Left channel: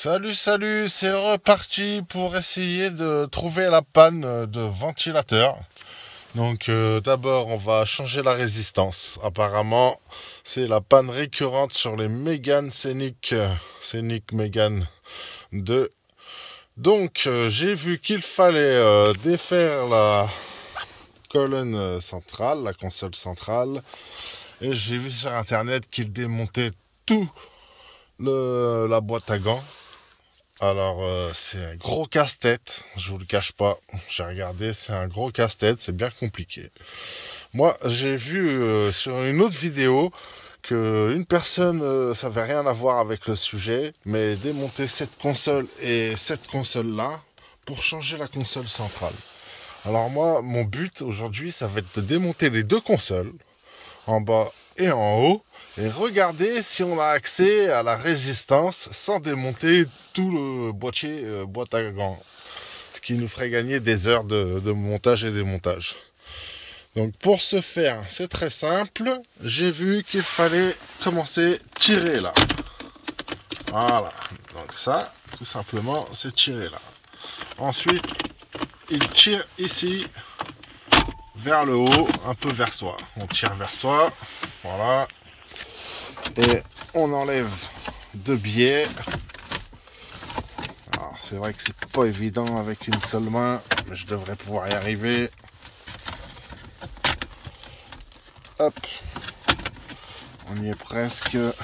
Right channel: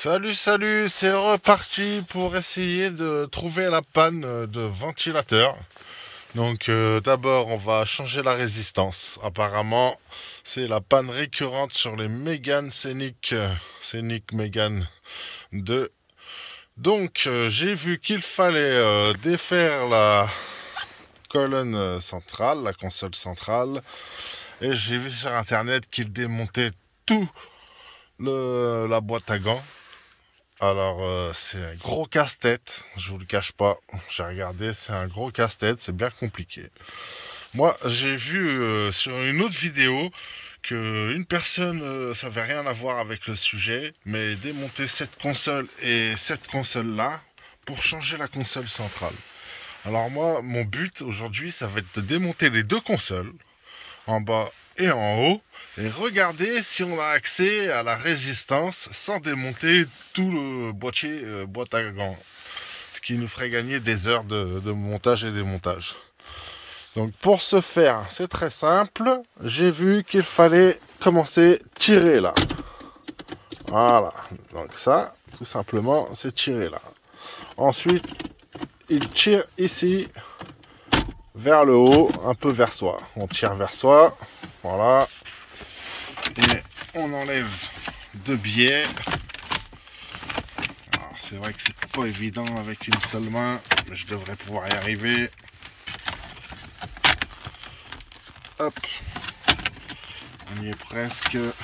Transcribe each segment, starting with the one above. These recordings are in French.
Salut, c'est reparti pour essayer de trouver la panne de ventilateur. Donc d'abord on va changer la résistance. Apparemment c'est la panne récurrente sur les Mégane Scénic Mégane 2. Donc j'ai vu qu'il fallait défaire la colonne centrale, la console centrale. Et j'ai vu sur internet qu'il démontait tout la boîte à gants. Alors c'est un gros casse-tête, je vous le cache pas, j'ai regardé, c'est un gros casse-tête, c'est bien compliqué. Moi j'ai vu sur une autre vidéo que une personne, ça n'avait rien à voir avec le sujet, mais démonter cette console et cette console là pour changer la console centrale. Alors moi mon but aujourd'hui ça va être de démonter les deux consoles, en bas et en haut, et regarder si on a accès à la résistance sans démonter tout le boîtier boîte à gants, ce qui nous ferait gagner des heures de montage et démontage. Donc pour ce faire, c'est très simple, j'ai vu qu'il fallait commencer à tirer là. Voilà, donc ça, tout simplement, c'est tirer là. Ensuite, il tire ici, vers le haut, un peu vers soi. On tire vers soi, voilà. Et on enlève deux biais. Alors c'est vrai que c'est pas évident avec une seule main, mais je devrais pouvoir y arriver. Hop. On y est presque. Le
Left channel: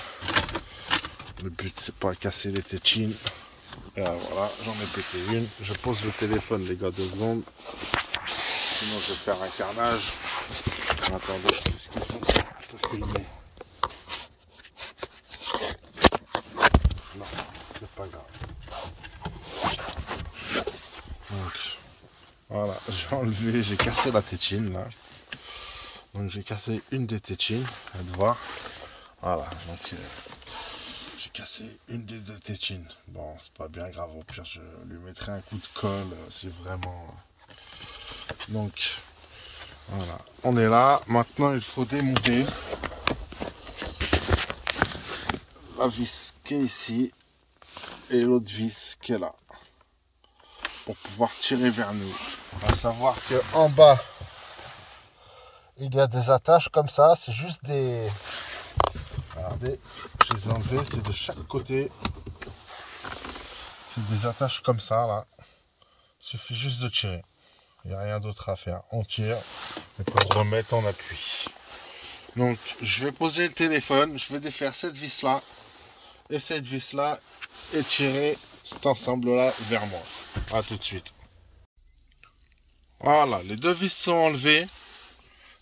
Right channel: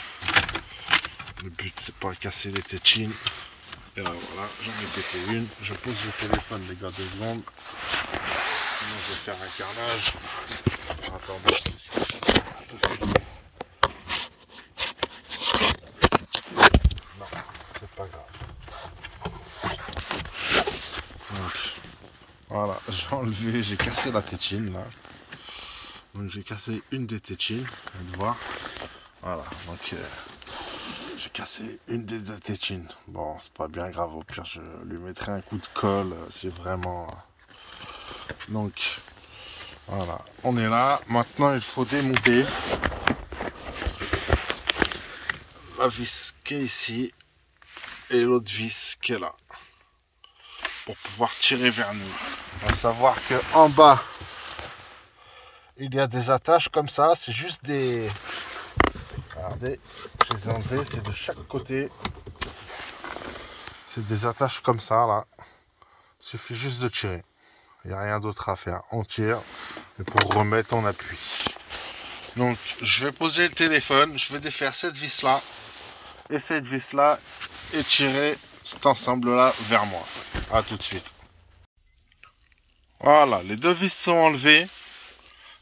but c'est pas casser les tétines. Et voilà, j'en ai pété une. Je pose le téléphone les gars, 2 secondes. Sinon je vais faire un carnage. Attendez, est-ce que je peux filmer? Non, c'est pas grave. Donc, voilà, j'ai enlevé, j'ai cassé la tétine là. Donc j'ai cassé une des tétines, vous allez voir. Voilà, donc j'ai cassé une des deux tétines. Bon, c'est pas bien grave, au pire je lui mettrai un coup de colle, c'est vraiment... Donc, voilà, on est là. Maintenant, il faut démonter la vis qui est ici et l'autre vis qui est là pour pouvoir tirer vers nous. À savoir que en bas, il y a des attaches comme ça. C'est juste des... Regardez, je les ai enlevées. C'est de chaque côté. C'est des attaches comme ça, là. Il suffit juste de tirer. Il n'y a rien d'autre à faire. On tire. Et pour remettre, on appuie. Donc, je vais poser le téléphone. Je vais défaire cette vis-là. Et cette vis-là. Et tirer cet ensemble-là vers moi. A tout de suite. Voilà, les deux vis sont enlevées.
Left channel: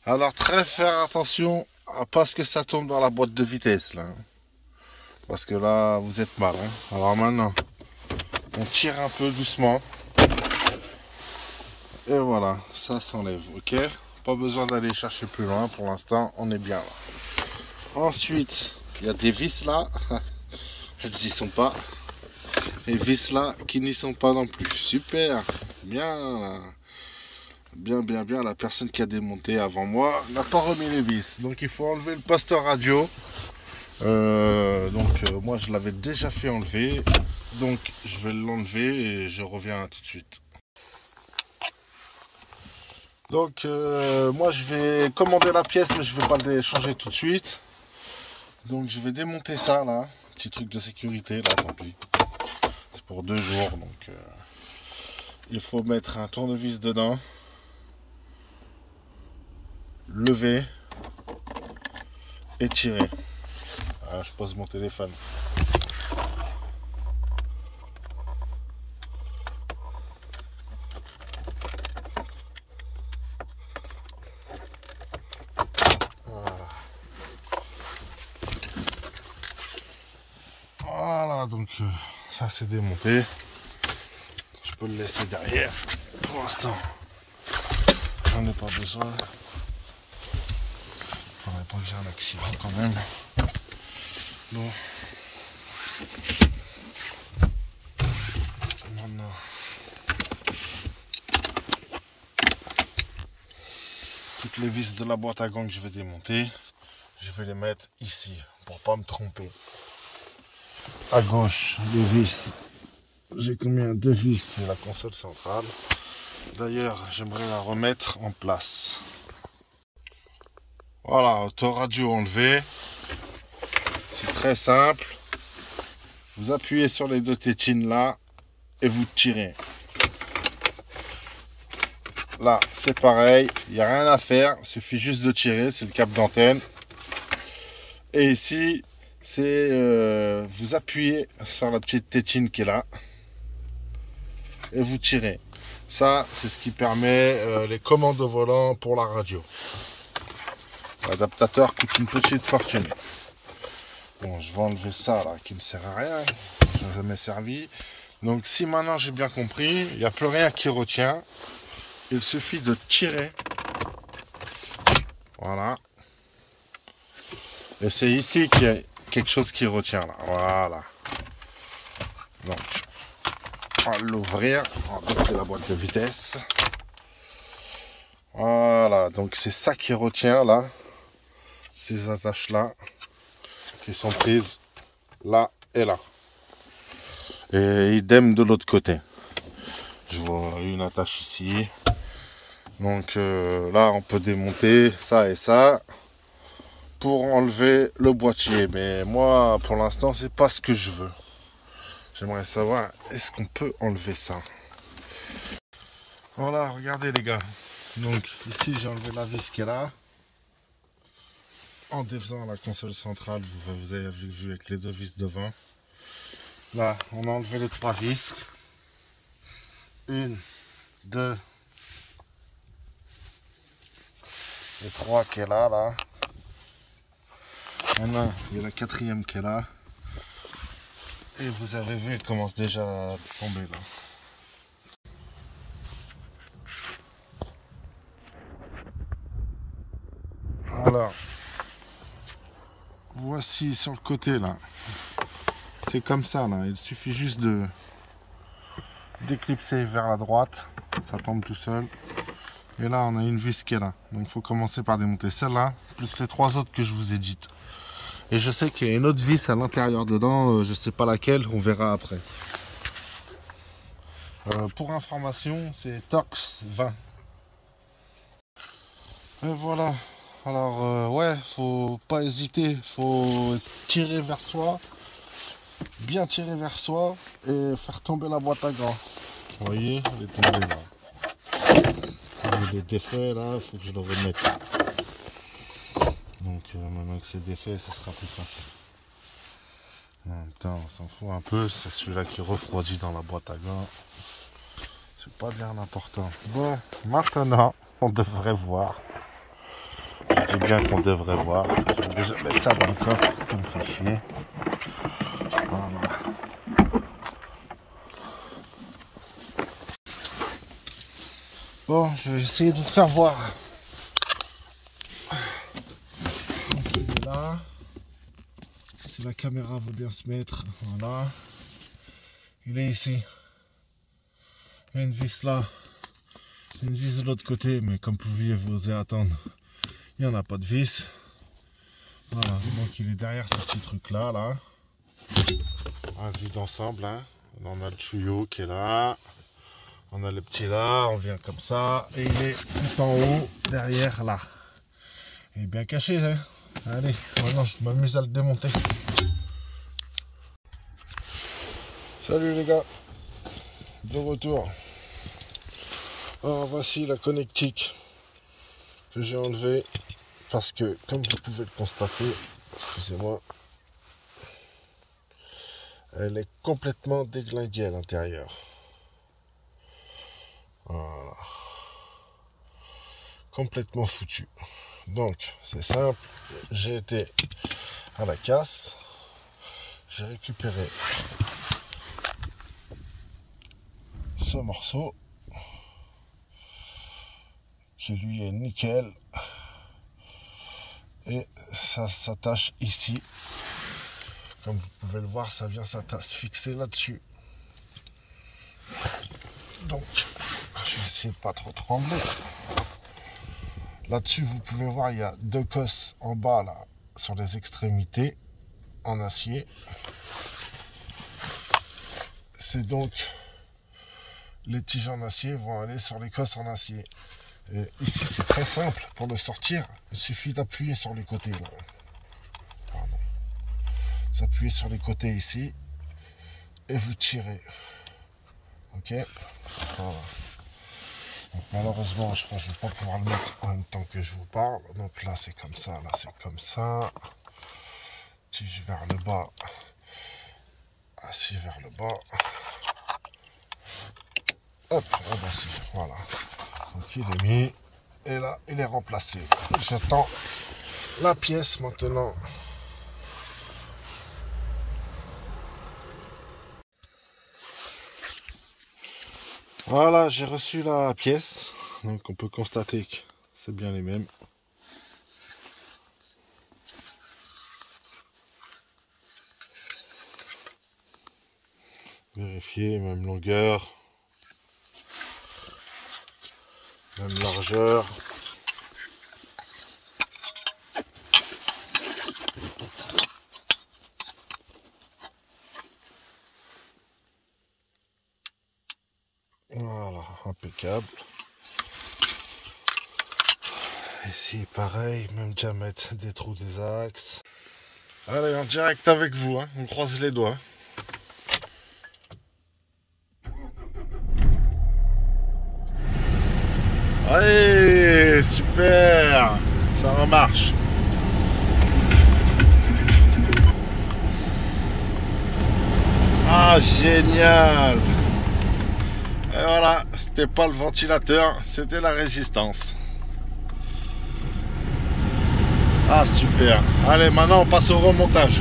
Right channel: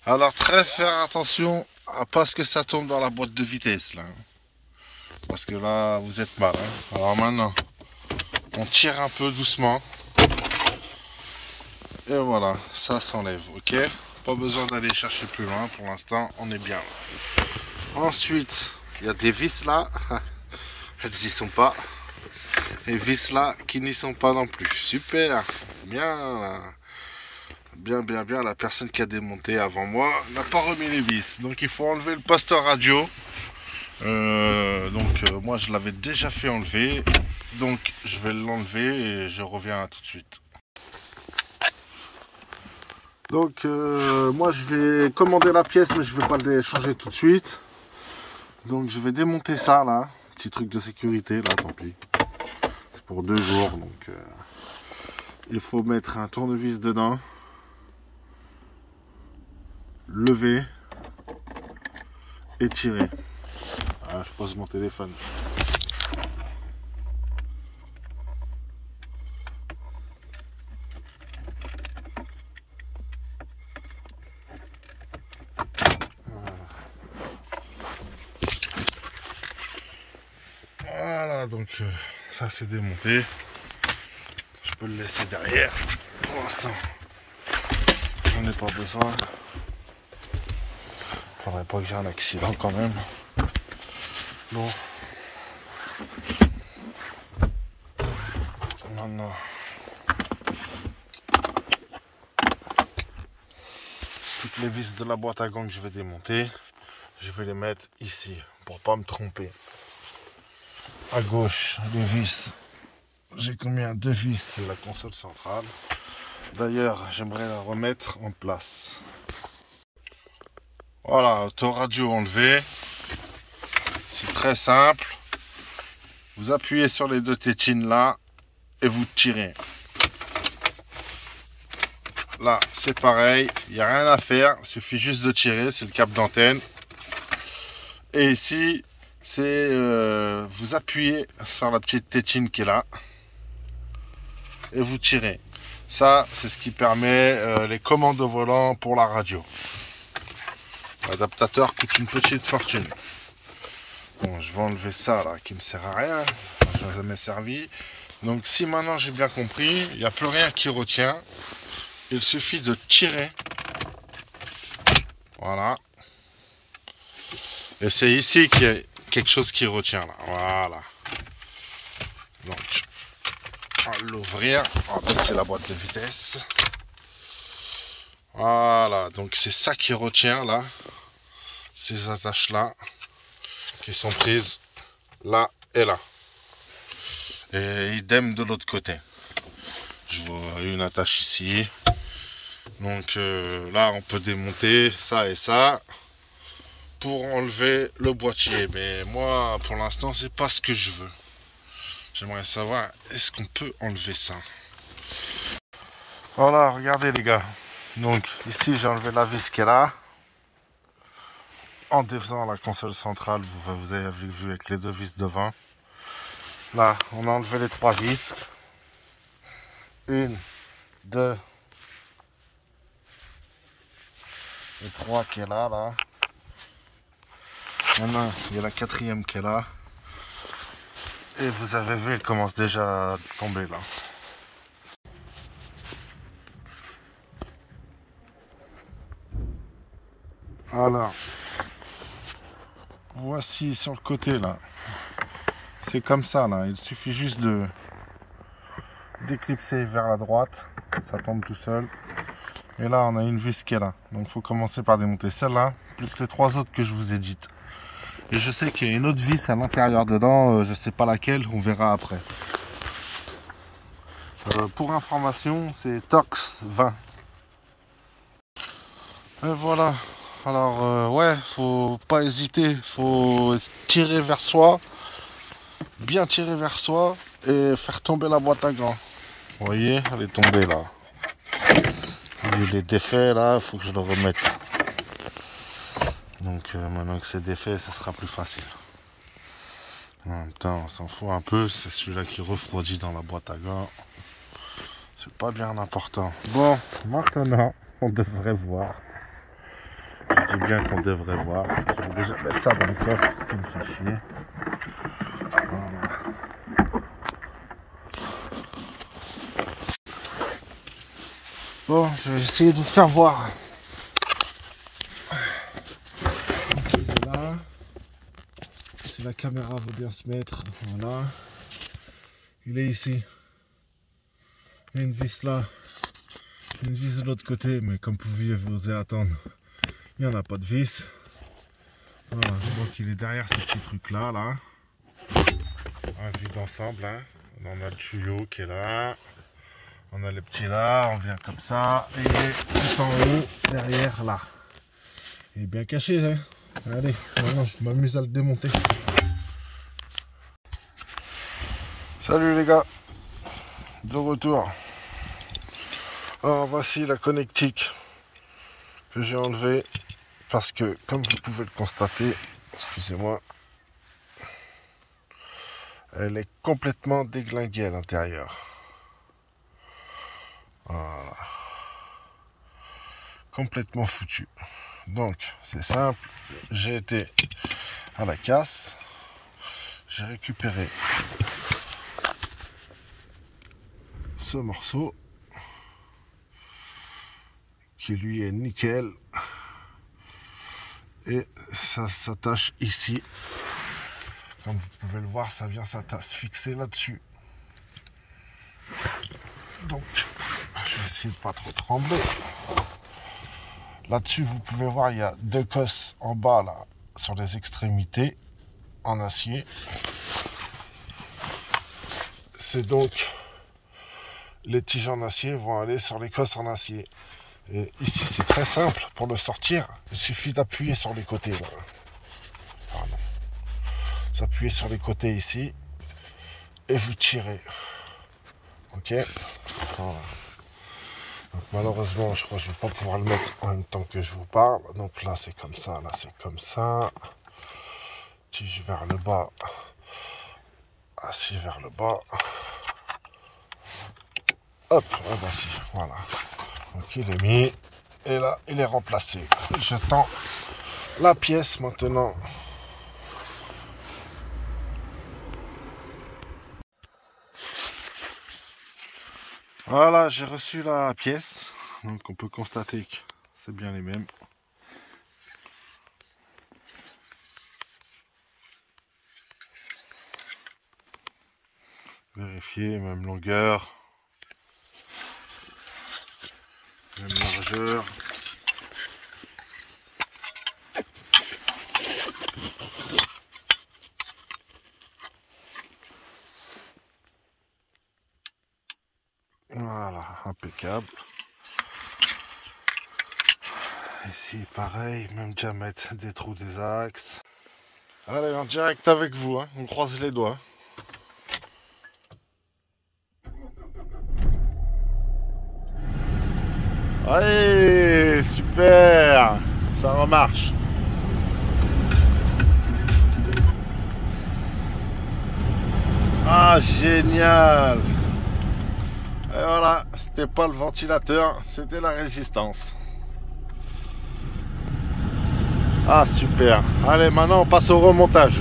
Alors, très faire attention à pas ce que ça tombe dans la boîte de vitesse, là. Parce que là, vous êtes mal. Hein. Alors maintenant, on tire un peu doucement. Et voilà, ça s'enlève, ok? Pas besoin d'aller chercher plus loin, pour l'instant, on est bien là. Ensuite, il y a des vis là, elles y sont pas. Et vis là, qui n'y sont pas non plus. Super, bien, bien, la personne qui a démonté avant moi n'a pas remis les vis. Donc il faut enlever le poste radio. Moi je l'avais déjà fait enlever. Donc je vais l'enlever et je reviens tout de suite. Donc moi je vais commander la pièce, mais je vais pas le changer tout de suite. Donc je vais démonter ça là, petit truc de sécurité là, tant pis. C'est pour 2 jours, donc il faut mettre un tournevis dedans, lever et tirer. Ah, je pose mon téléphone. Voilà, donc ça c'est démonté. Je peux le laisser derrière. Pour l'instant, j'en ai pas besoin. Faudrait pas que j'ai un accident quand même. Bon. Maintenant. Toutes les vis de la boîte à gants que je vais démonter, je vais les mettre ici pour pas me tromper. À gauche, les vis j'ai combien de vis, c'est la console centrale. D'ailleurs, j'aimerais la remettre en place. Voilà, autoradio enlevé. C'est très simple. Vous appuyez sur les deux tétines là et vous tirez. Là, c'est pareil, il n'y a rien à faire, il suffit juste de tirer, c'est le câble d'antenne. Et ici, c'est vous appuyez sur la petite tétine qui est là et vous tirez. Ça, c'est ce qui permet les commandes au volant pour la radio. L'adaptateur coûte une petite fortune. Bon, je vais enlever ça là, qui me sert à rien, ça n'a jamais servi. Donc si maintenant j'ai bien compris, il n'y a plus rien qui retient. Il suffit de tirer. Voilà. Et c'est ici qu'il y a quelque chose qui retient là. Voilà. Donc, on va l'ouvrir. On va baisser la boîte de vitesse. Voilà. Donc c'est ça qui retient là. Ces attaches là. Qui sont prises là et là. Et idem de l'autre côté. Je vois une attache ici. Donc là on peut démonter ça et ça pour enlever le boîtier. Mais moi pour l'instant c'est pas ce que je veux. J'aimerais savoir est-ce qu'on peut enlever ça. Voilà, regardez les gars. Donc ici j'ai enlevé la vis qui est là. En défaisant la console centrale, vous avez vu avec les deux vis devant. Là on a enlevé les trois vis. 1, 2 et 3 qui est là, là. Maintenant, il y a la quatrième qui est là. Et vous avez vu, elle commence déjà à tomber là. Alors, voici sur le côté là. C'est comme ça là. Il suffit juste de d'éclipser vers la droite. Ça tombe tout seul. Et là, on a une vis qui est là. Donc, il faut commencer par démonter celle-là, plus les trois autres que je vous ai dites. Et je sais qu'il y a une autre vis à l'intérieur dedans. Je ne sais pas laquelle, on verra après. Pour information, c'est Torx 20. Et voilà. Alors, ouais, faut pas hésiter. Faut tirer vers soi. Bien tirer vers soi. Et faire tomber la boîte à gants. Vous voyez, elle est tombée là. Il est défait là, il faut que je le remette. Donc maintenant que c'est défait, ça sera plus facile. En même temps, on s'en fout un peu, c'est celui-là qui refroidit dans la boîte à gants. C'est pas bien important. Bon, maintenant, on devrait voir. Je dis bien qu'on devrait voir. Je vais déjà mettre ça dans le coffre, parce qu'il me fait chier. Voilà. Bon, je vais essayer de vous faire voir. Il est là. Si la caméra veut bien se mettre, voilà. Il est ici. Il y a une vis là. Une vis de l'autre côté, mais comme vous pouviez vous y attendre, il n'y en a pas de vis. Voilà, donc il est derrière ce petit truc là, là. On a vu d'ensemble, hein. On a le tuyau qui est là. On a le petit là, on vient comme ça. Et il est tout en haut, derrière là. Il est bien caché, hein. Allez, maintenant je m'amuse à le démonter. Salut les gars, de retour. Alors voici la connectique que j'ai enlevée parce que comme vous pouvez le constater, excusez-moi, elle est complètement déglinguée à l'intérieur. Voilà. Complètement foutu. Donc c'est simple, j'ai été à la casse, j'ai récupéré ce morceau qui lui est nickel et ça s'attache ici. Comme vous pouvez le voir, ça vient se fixer là-dessus. Donc je vais essayer de pas trop trembler. Là-dessus, vous pouvez voir, il y a deux cosses en bas là sur les extrémités en acier. c'est donc les tiges en acier vont aller sur les cosses en acier. Et ici c'est très simple pour le sortir, il suffit d'appuyer sur les côtés là. Pardon. Vous appuyez sur les côtés ici et vous tirez. Ok, voilà. Donc, malheureusement je crois que je ne vais pas pouvoir le mettre en même temps que je vous parle. Donc là c'est comme ça, là c'est comme ça. Tige vers le bas, acier vers le bas. Hop, ah bah si, voilà. Donc il est mis et là il est remplacé. J'attends la pièce maintenant. Voilà, j'ai reçu la pièce. Donc on peut constater que c'est bien les mêmes. Vérifier, même longueur, même largeur. Voilà, impeccable. Ici pareil, même diamètre des trous des axes. Allez, en direct avec vous, hein. On croise les doigts. Allez, super, ça remarche. Ah, génial. Et voilà, c'était pas le ventilateur, c'était la résistance. Ah, super. Allez, maintenant on passe au remontage.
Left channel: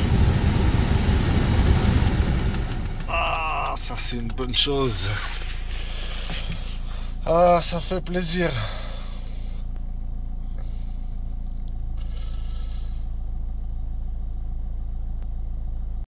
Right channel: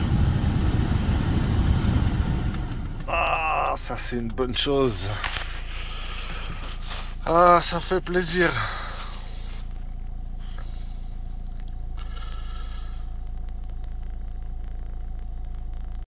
Ah, ça c'est une bonne chose. Ah, ça fait plaisir.